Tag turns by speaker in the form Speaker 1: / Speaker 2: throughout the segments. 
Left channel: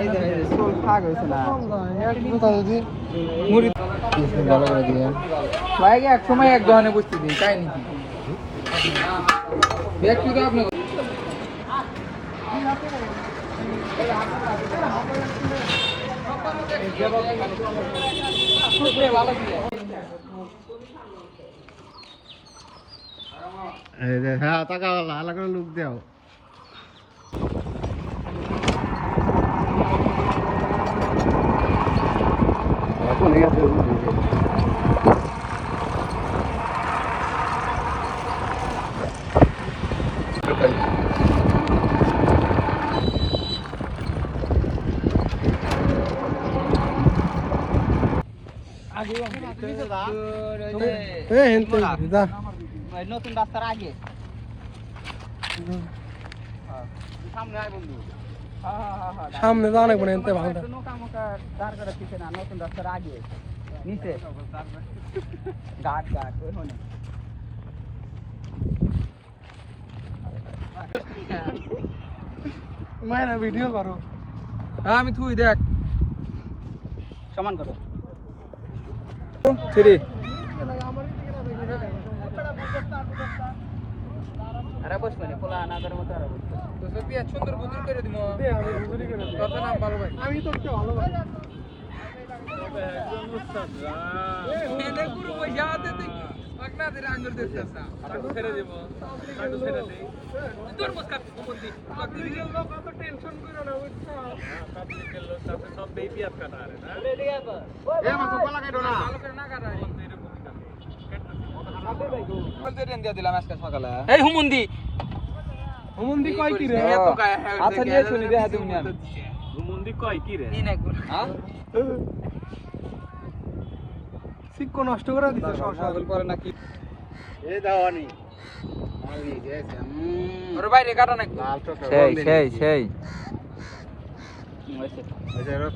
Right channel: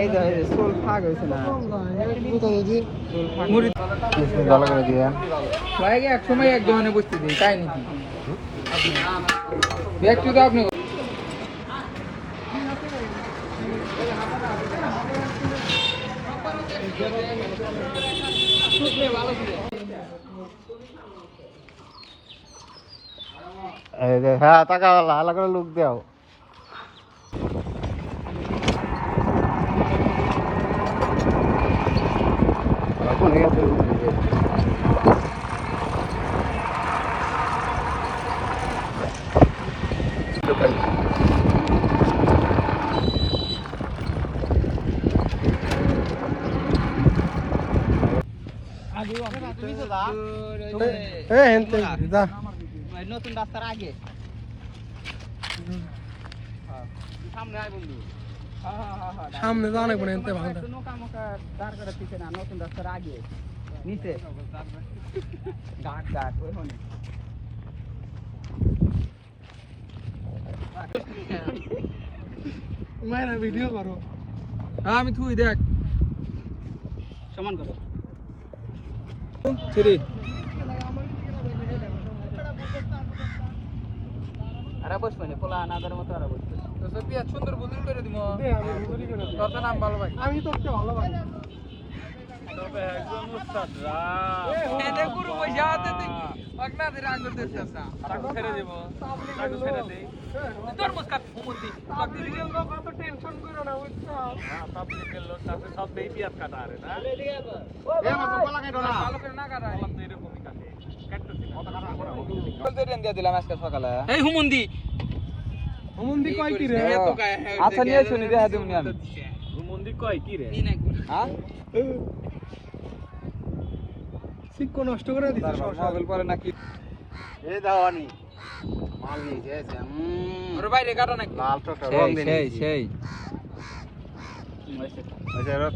Speaker 1: এই যে এই ফাগ হয়েছে না এক সময় এক দোকানে বসতে দিই, তাই নাকি? ব্যক্তি তো আপনি
Speaker 2: হ্যাঁ টাকা ভালো করে লুক দাও এ হেনতে যা
Speaker 1: নতুন রাস্তার আগে। সামনে আয় বন্ধু।
Speaker 2: সামনে যা অনেক বড় হেনতে ভালো
Speaker 1: নৌকা মোকা দাঁড় করে পিছে না নতুন রাস্তার আগে। নিচে। ঘাট ঘাট ওই হনে।
Speaker 2: মায়ের ভিডিও করো।
Speaker 1: হ্যাঁ আমি তুই দেখ।
Speaker 3: সমান করো।
Speaker 1: থ্রি। আরে বসবে না মতো আরে বসবে তো সত্যি এক সুন্দর বুদ্ধি করে দিব কত নাম ভালো ভাই
Speaker 2: আমি তো ভালো ভাই
Speaker 1: তোর মুখ কাট হুমন্দি কত টেনশন করে না বুঝছ কাটা আরে না?
Speaker 2: এ মাছ কলা কাটো না।
Speaker 1: ভালো করে না কাটা তো এরকমই কাটে। কাটতে দিয়ে দিলাম আজকে সকালে। এই হুমন্দি।
Speaker 2: হুমুন্দি কয় কি রে?
Speaker 1: আচ্ছা নিয়ে শুনি
Speaker 3: কয় কি রে?
Speaker 1: হ্যাঁ?
Speaker 2: নষ্ট করে দিছে
Speaker 1: মোবাইল পরে নাকি?
Speaker 2: এই দাওয়ানি মাল নিয়ে গেছে
Speaker 1: ওর বাইরে কাটা নাকি
Speaker 2: লাল
Speaker 3: সেই সেই সেই।
Speaker 2: আচ্ছা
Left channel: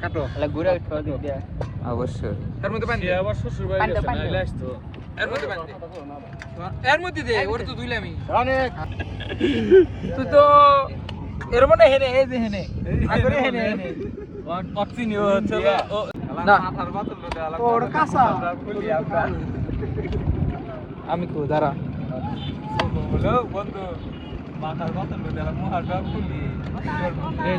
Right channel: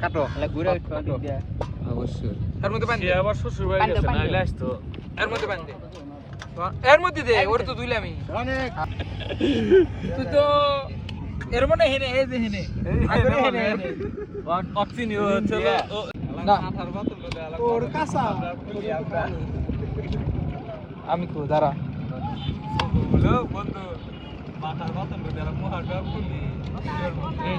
Speaker 2: কাটো।
Speaker 3: ঘুরে উঠো দিক দিয়ে।
Speaker 1: অবশ্যই। এর মধ্যে পানি
Speaker 3: সে আবার শ্বশুর বাড়ি গেছে নাইলে আসতো।
Speaker 1: এর মধ্যে পানি দে এর মধ্যে দে ওর তো ধুইলামই
Speaker 2: অনেক।
Speaker 1: তুই তো এর মনে হেনে এই যে হেনে। আগরে হেনে হেনে
Speaker 3: অক্সিজেন হচ্ছে
Speaker 1: না।
Speaker 2: ওর কাঁচা।
Speaker 1: আমি কো দাঁড়া।
Speaker 3: বন্ধু মাথার বোতল দিলা মুহাটা খুলি এই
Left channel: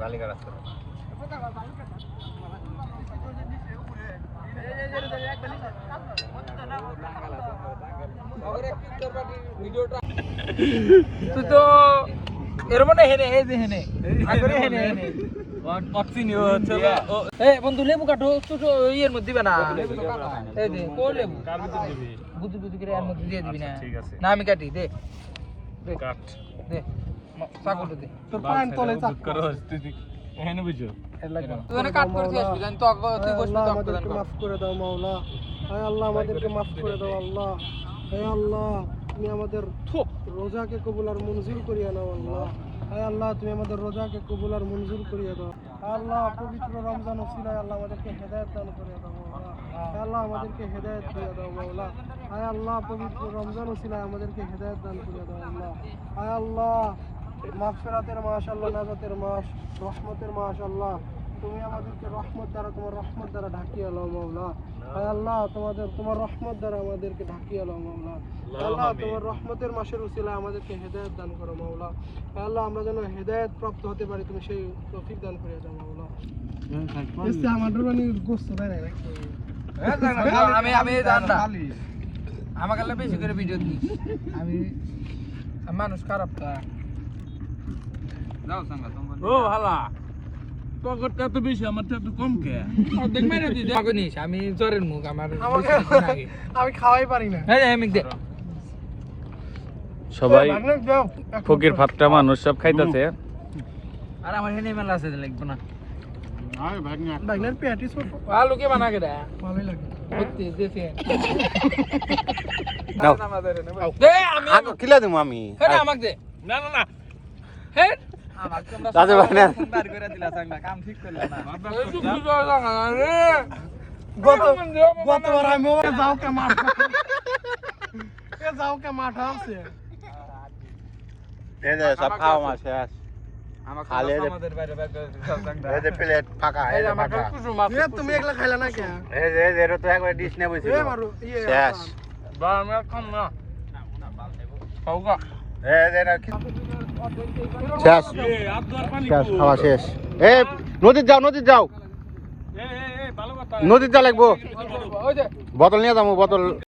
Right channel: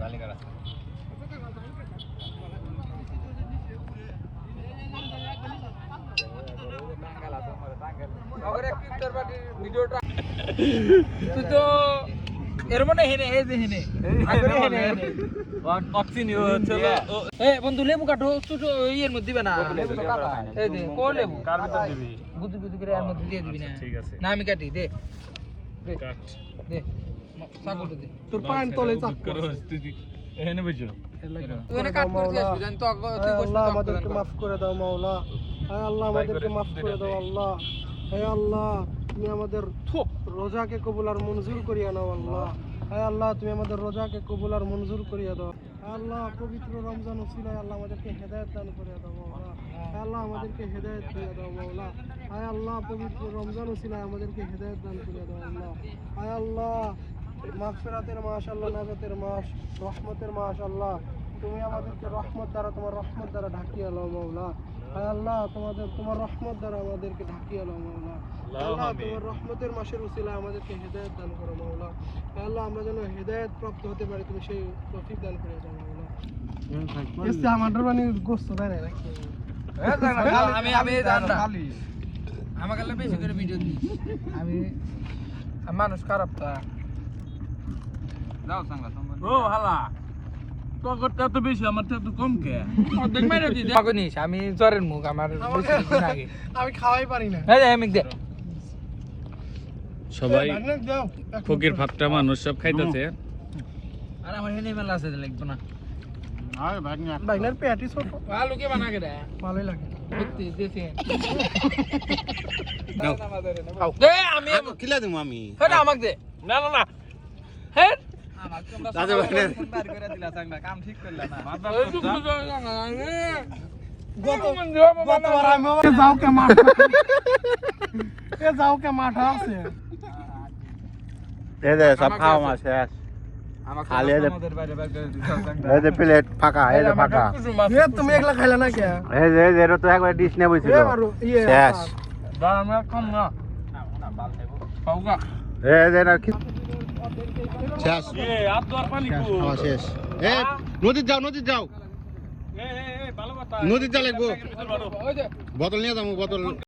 Speaker 2: যে কাটছি
Speaker 1: আর তুই তো এর মনে হেনে এই যে হেনে। আগরে হেনে হেনে।
Speaker 3: অক্সিজেন হচ্ছে
Speaker 1: এ বন্ধু লেবু কাটো ছোট ইয়ের মধ্যে দিবে না। এই দে কো লেবু?
Speaker 3: কার ভিতর দিবি?
Speaker 1: বুদ্ধি বুদ্ধি করে এর মধ্যে দিয়ে দিবি না।
Speaker 3: আচ্ছা, ঠিক আছে।
Speaker 1: না আমি কাটি দে। দে।
Speaker 3: কাট।
Speaker 1: দে।
Speaker 2: তোর পান তলে চাপ
Speaker 3: করো তুই এখানে বুঝো
Speaker 1: তুই এনে কাট করে দিস জানি তো তুই বসবি
Speaker 2: আল্লাহ
Speaker 1: তো
Speaker 2: আমাদেরকে মাফ করে দাও মাওলা। হে আল্লাহ আমাদেরকে মাফ করে দাও আল্লাহ। হে আল্লাহ তুমি আমাদের রোজাকে কবুল আর মঞ্জুর করিয়া নাও আল্লাহ। হে আল্লাহ তুমি আমাদের রোজাকে কবুল আর মঞ্জুর করিয়া দাও। আল্লাহ পবিত্র রমজান উসিলায় আল্লাহ আমাদেরকে হেদায়েত দান করিয়া দাও মাওলা। আল্লাহ আমাদেরকে হেদায়েত করিয়া দাও মাওলা। হে আল্লাহ পবিত্র রমজান উসিলায় আমাদেরকে হেদায়েত দান করিয়া দাও আল্লাহ। হে আল্লাহ মাগফিরাতের মাস আল্লাহ নাজাতের মাস রহমতের মাস আল্লাহ। তুমি আমাদেরকে রহমত দ্বারা তোমার রহমত দ্বারা ঢাকিয়ে আলো মাওলা। হায় আল্লাহ তোমাদের তোমার রহমত দ্বারা আমাদেরকে ঢাকিয়ে আলো মাওলা। আল্লাহ তোমার রহমতের মাসের উসিলা আমাদেরকে হেদায়েত দান করো মাওলা। হায় আল্লাহ আমরা যেন হেদায়েত প্রাপ্ত হতে পারি তুমি সেই তৌফিক দান করে দাও মাওলা। আমাদের মানে গোস্ত দেয় না
Speaker 1: আমি আমি জান না। আমাকে আল্লাহ বেশি করে ভিডিও দিই আমি মানুষ খারাপ তা। আমি জ্বরের মুখ আমার
Speaker 2: আমি খাওয়াই পারি না।
Speaker 1: এই আমি দে।
Speaker 4: সবাই ফকির। ফাটকা মানুষ সব খাইতেছে।
Speaker 1: আর আমার হেনে মেলা আছে লাগবে না। আমি
Speaker 5: দাদু ভাই না
Speaker 1: কাম ঠিক করলা
Speaker 2: গতবার আমি এ মাঠ। এ যাও মাঠ আছে।
Speaker 5: এই যে সব খাওয়া মাছ শেষ
Speaker 1: আমাকে আমাদের বাইরে বার করে দিও সাংবা
Speaker 5: এই যে প্লেট ফাঁকা এই
Speaker 1: এই
Speaker 5: যে
Speaker 1: আমাকে
Speaker 5: ফাঁকা।
Speaker 1: কুসুম মাছ
Speaker 2: এ তুমি একলা খাইলা না কে?
Speaker 5: এই যে এই যে এটা তো একবার ডিশ নে বইছিল।
Speaker 2: এ মারো ইয়ে
Speaker 5: শেষ।
Speaker 2: আচার।
Speaker 1: বা আমি কম না। পাউগা
Speaker 5: এই যে না কি- শেষ।
Speaker 3: এ
Speaker 5: শেষ খাওয়া শেষ। এই নদীর যাও নদীর যাও।
Speaker 3: এ এ এ
Speaker 5: নদীর যা লাগবো। বোতল নিয়ে যাব বোতল।